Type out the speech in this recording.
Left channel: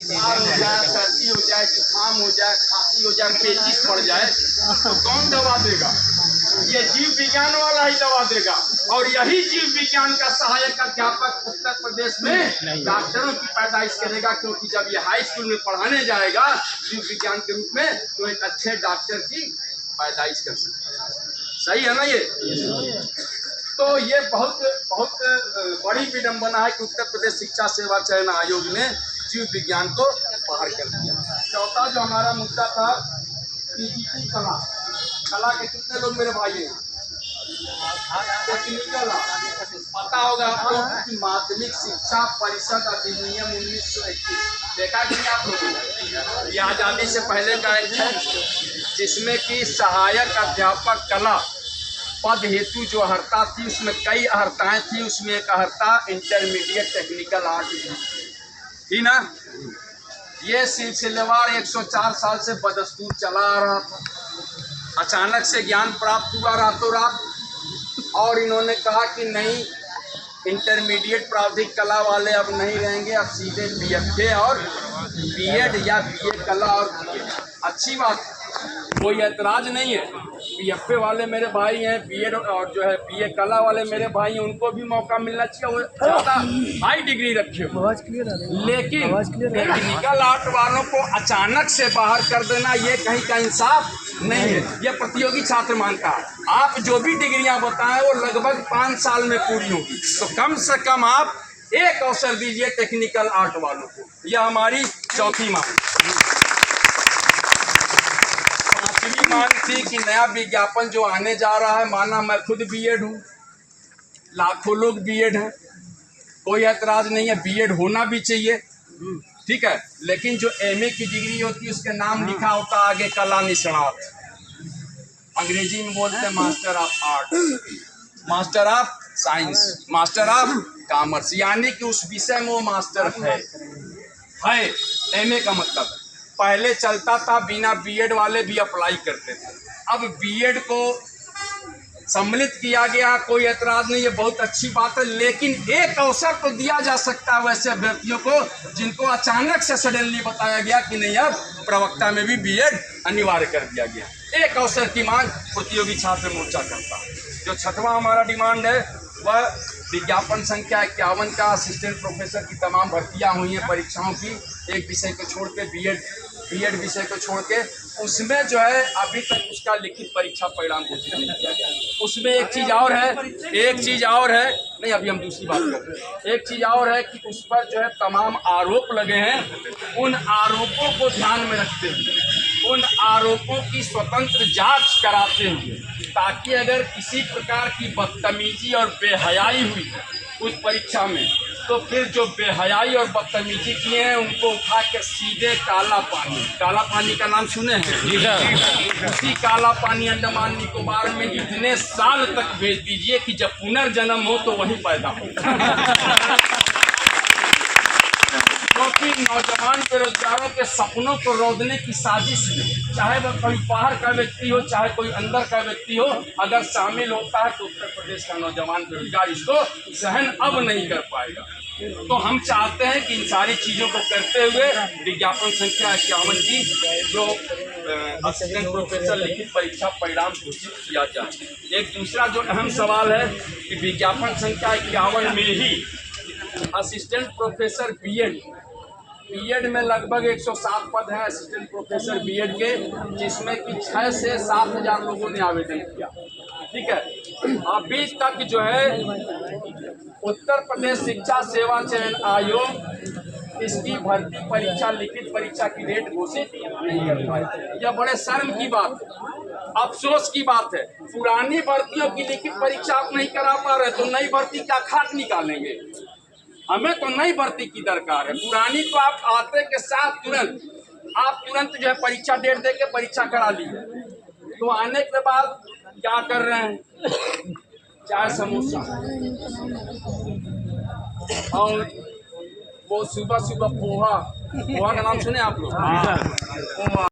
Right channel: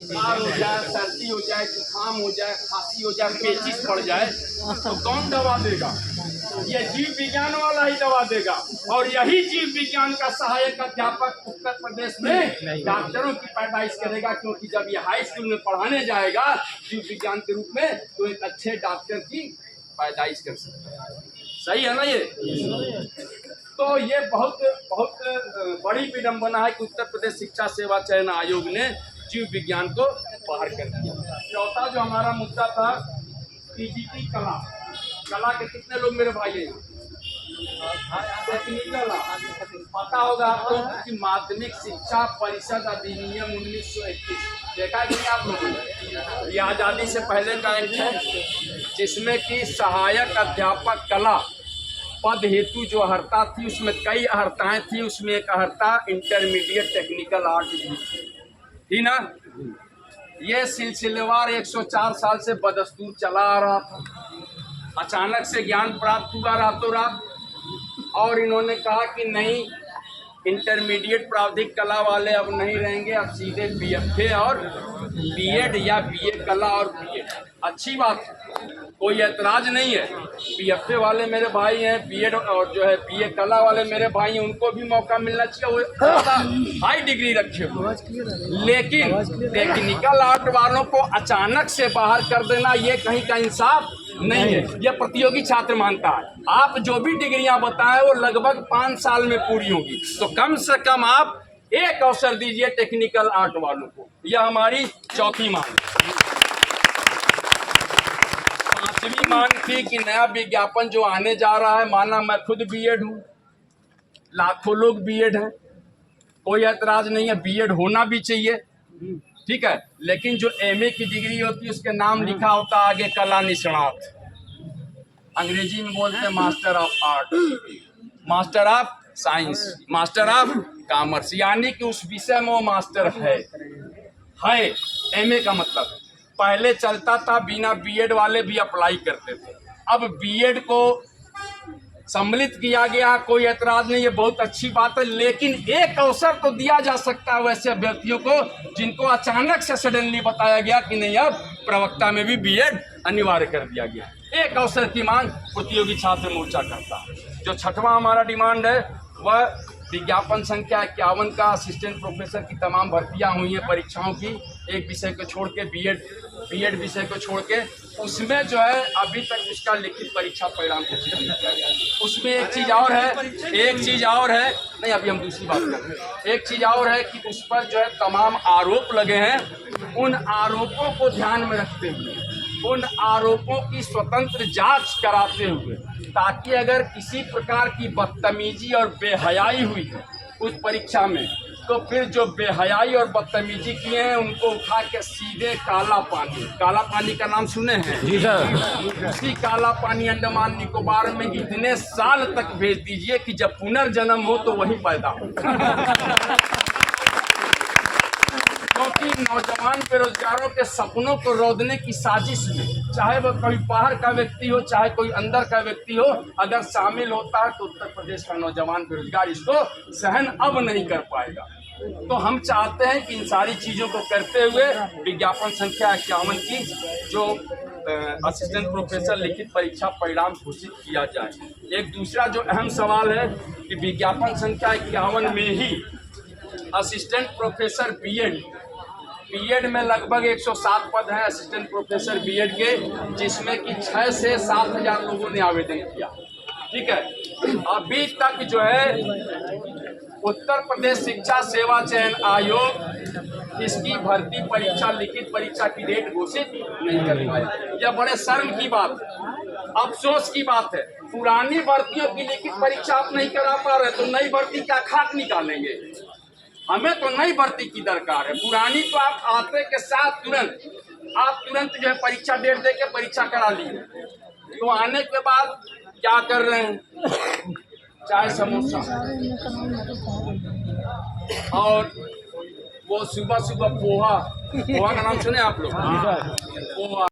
बुखार हो जाए, सर्दी हो जाए, जुकाम हो जाए, खांसी हो जाए, पेचिश पड़ जाए तो कौन दवा देगा? ये जीव विज्ञान वाला ही दवा देगा। और यही जीव विज्ञान का सहायक अध्यापक उत्तर प्रदेश में डॉक्टरों की पैदाइश करेगा, क्योंकि जब ये हाई स्कूल में पढ़ाने जाएगा जीव विज्ञान के रूप में तो एक अच्छे डॉक्टर की पैदाइश कर सकता है। सही है ना ये? तो ये बहुत बहुत बड़ी विडंबना है कि उत्तर प्रदेश शिक्षा सेवा चयन आयोग ने जीव विज्ञान को बाहर कर दिया। चौथा जो हमारा मुद्दा था पीजीटी कला, कला के कितने लोग मेरे भाई हैं? टेक्निकल पता होगा आपको कि माध्यमिक शिक्षा परिषद अधिनियम 1921 देखा कि आप लोगों ने, ये आज़ादी से पहले का एक है जिसमें कि सहायक अध्यापक कला पद हेतु जो अर्हता थी उसमें कई अर्हताएं थी। उसमें एक अर्हता इंटरमीडिएट टेक्निकल आर्ट थी ना। ये सिलसिलेवार 104 साल से बदस्तूर चला आ रहा था। अचानक से ज्ञान प्राप्त हुआ रातों रात और इन्होंने कहा कि नहीं, इंटरमीडिएट प्रावधिक कला वाले अब नहीं रहेंगे, अब सीधे बीएफए और बीएड या बीए कला और बीएड। अच्छी बात, कोई ऐतराज नहीं है। बीएफए वाले मेरे भाई हैं, बीएड और जो है बीए कला वाले मेरे भाई हैं, उनको भी मौका मिलना चाहिए, वो ज़्यादा हाई डिग्री रखे हुए। लेकिन टेक्निकल आर्ट वालों को अचानक से बाहर कर देना ये कहीं का इंसाफ नहीं है। ये प्रतियोगी छात्र मानता है। आप जो भी डिग्रियां बताएं वो लगभग 5 साल में पूरी होगी, तो कम से कम आप एक अवसर दीजिए टेक्निकल आर्ट वालों को। यह हमारी चौथी मांग। पांचवी मांग थी कि नया विज्ञापन जो आने जा रहा है, माना मैं खुद बीएड हूँ, लाखों लोग बीएड हैं, कोई ऐतराज नहीं है, बीएड होना भी चाहिए, ठीक है। लेकिन जो एमए की डिग्री होती है उसके नाम लिखा होता आगे कला निष्णात, अंग्रेजी में बोलते हैं master of art, master of science, master of commerce, यानी कि उस विषय में वो मास्टर है। एमए का मतलब पहले चलता था बिना बीएड वाले भी अप्लाई करते थे, अब बीएड को सम्मिलित किया गया, कोई ऐतराज नहीं है, बहुत अच्छी बात है। लेकिन एक अवसर तो दिया जा सकता है वैसे अभ्यर्थियों को जिनको अचानक से सडनली बताया गया कि नहीं, अब प्रवक्ता में भी बीएड अनिवार्य कर दिया गया। एक अवसर की मांग प्रतियोगी छात्र मोर्चा करता है। जो छठवां हमारा डिमांड है वह विज्ञापन संख्या 51 का असिस्टेंट प्रोफेसर की तमाम भर्तियां हुई हैं परीक्षाओं की, एक विषय को छोड़ के बीएड विषय को छोड़ के, उसमें जो है अभी तक उसका लिखित परीक्षा परिणाम घोषित नहीं किया गया। उसमें एक चीज़ और है, नहीं अभी हम दूसरी बात कर रहे हैं। एक चीज़ और है कि उस पर जो है तमाम आरोप लगे हैं, उन आरोपों को ध्यान में रखते हुए, उन आरोपों की स्वतंत्र जांच कराते हुए, ताकि अगर किसी प्रकार की बदतमीजी और बेहयाई हुई है उस परीक्षा में, तो फिर जो बेहयाई और बदतमीजी किए हैं उनको उठा के सीधे काला पानी का नाम सुने हैं? उसी काला पानी अंडमान निकोबार में इतने साल तक भेज दीजिए कि जब पुनर्जन्म हो तो वही पैदा हो। क्योंकि नौजवान बेरोजगारों के सपनों को रौंदने की साजिश में, चाहे वह कोई बाहर का व्यक्ति हो चाहे कोई अंदर का व्यक्ति हो, अगर शामिल होता है तो उत्तर प्रदेश का नौजवान बेरोजगार इसको सहन अब नहीं कर पाएगा। तो हम चाहते हैं कि इन सारी चीज़ों को करते हुए विज्ञापन संख्या 51 की जो असिस्टेंट प्रोफेसर लिखित परीक्षा परिणाम घोषित किया जाए। एक दूसरा जो अहम सवाल है कि विज्ञापन संख्या 51 में ही असिस्टेंट प्रोफेसर बीएड में लगभग 107 पद हैं असिस्टेंट प्रोफेसर बीएड के, जिसमें कि 6 से 7 हज़ार लोगों ने आवेदन किया, ठीक है। अभी तक जो है उत्तर प्रदेश शिक्षा सेवा चयन आयोग इसकी भर्ती परीक्षा लिखित परीक्षा की डेट घोषित नहीं कर पाया। यह बड़े शर्म की बात है, अफसोस की बात है। पुरानी भर्तियों की लिखित परीक्षा आप नहीं करा पा रहे तो नई भर्ती क्या खाट निकालेंगे? हमें तो नई भर्ती की दरकार है। पुरानी तो आप आते के साथ तुरंत जो है परीक्षा डेट दे के परीक्षा करा लिए, तो आने के बाद क्या कर रहे हैं? चाय समोसा और वो सुबह पोहा का नाम सुने आप लोग? पोहा।